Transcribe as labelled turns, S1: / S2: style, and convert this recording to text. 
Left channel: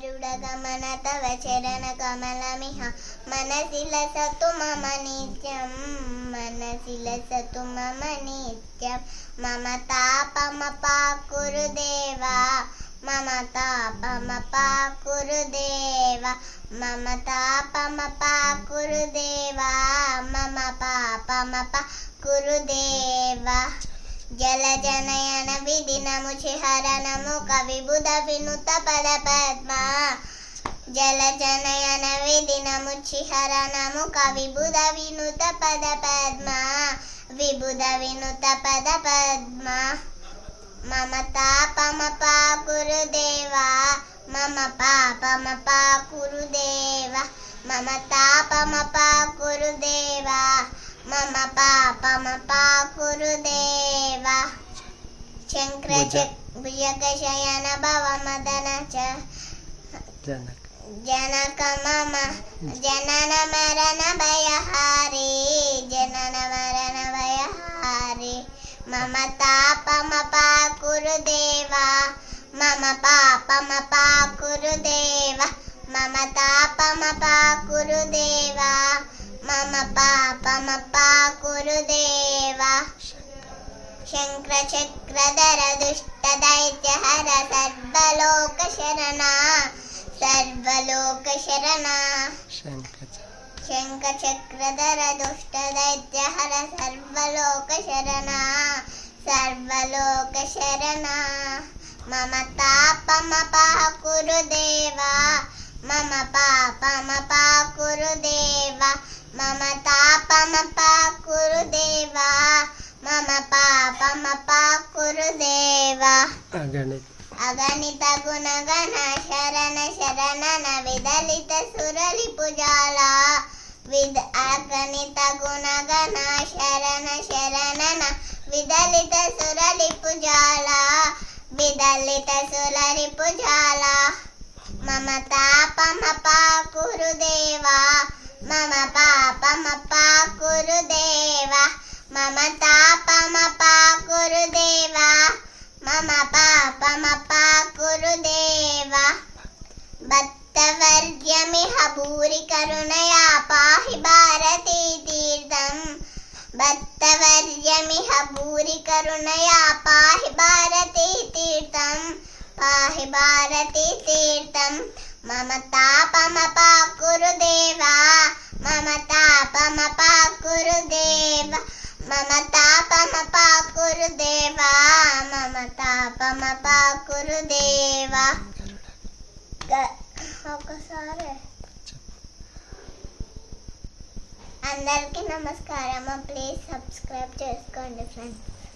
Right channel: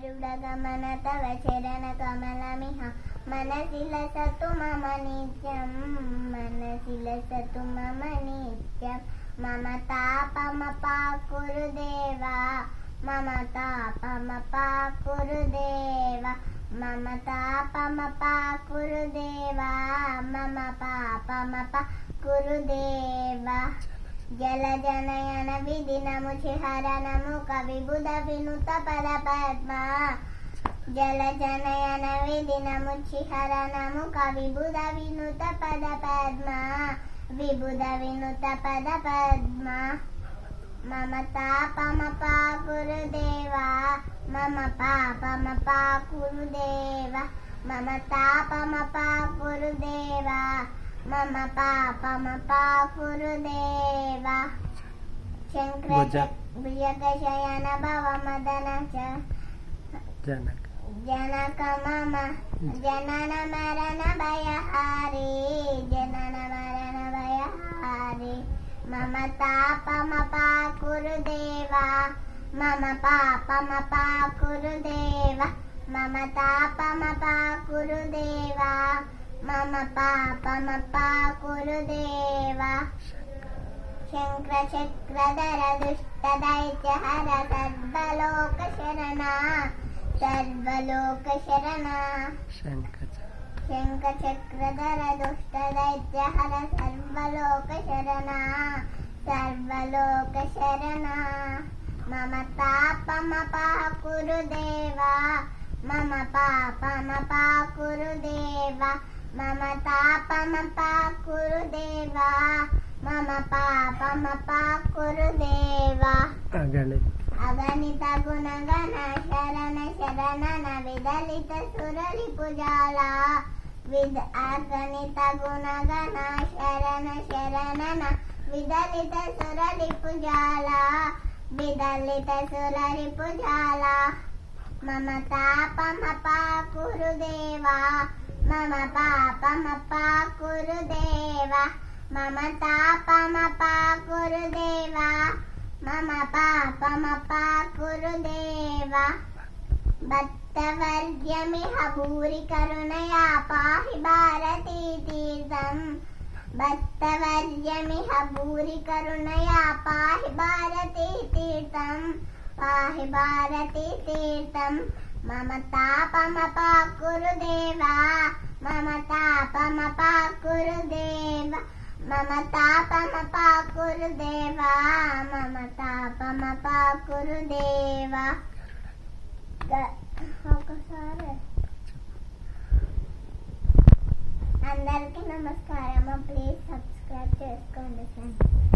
S1: గరుడగమన తవ చరణ కమలమిహ మనసి లసతు మమ నిత్యం మనసి లసతు మమ నిత్యం మమ తాపమ పాకురు దేవా మమ తాపమ పాకురు దేవా మమ తాపమ పాకురు దేవా మమ పాపమ పాకురు దేవా జల జనయన విధినము చిహరణము కవిబుధ వినుత పద పద్మ. జల జనయన విధినము చిహరణము కవిబుధ వినుత పద పద్మ. విబుధ వినుత పద పద్మ. మమ తాపమ పాకురు దేవా మమ పాపమ పాకురు దేవా మమ తాపమ పాకురు దేవా మమ పాపమ పాకురు దేవా శంకర
S2: భుజ.
S1: భుజగ శయన భవ మదన చ.
S2: జనక.
S1: జనక మమ జనన మరణ భయహారి జనన మరణ భయహారి. మమ తాపమ పాకురు దేవా మమ పాపమ పాకురు దేవా మమ తాపమ పాకురు దేవా మమ పాపమ పాకురు దేవా శంకర చక్రధర దుష్ట దైత్య హర సర్వలోక శరణ సర్వలోక శరణ శంఖ చక్రధర దుష్ట దైత్య హర సర్వలోక శరణ సర్వలోక శరణ మమ తాపమ పాకురు దేవా మమ పాపమ పాకురు దేవా మమ తాపమ పాకురు దేవా మమ పాపమ పాకురు దేవా
S2: అగణిత.
S1: అగణిత గుణగణ శరణ శరణన విదలిత సురలి పుజాల. విద్ అగణిత గుణగణ శరణ శరణన విదలిత సురలి పుజాల. విదలిత సురలి పుజాల. మమ తాపమ పాకురు మమ పాపమ పాకురు మమ తాపమ పాకురు మమ పాపమ పాకురు భక్తవర్గ్యమిహ భూరి కరుణయా పాహి భారతీ తీర్థం. భక్తవర్యమిహ భూరి కరుణయా పాహి భారతీ తీర్థం. పాహి భారతీ తీర్థం. మమ తాపమ పాకురు దేవా మమ తాపమ పాకురు దేవ మమ తాపమ పాకురు దేవా మమ తాపమ పాకురు దేవా ఒకసారి అందరికీ నమస్కారం ప్లీజ్ సబ్స్క్రైబ్ చేసుకోండి ఫ్రెండ్స్.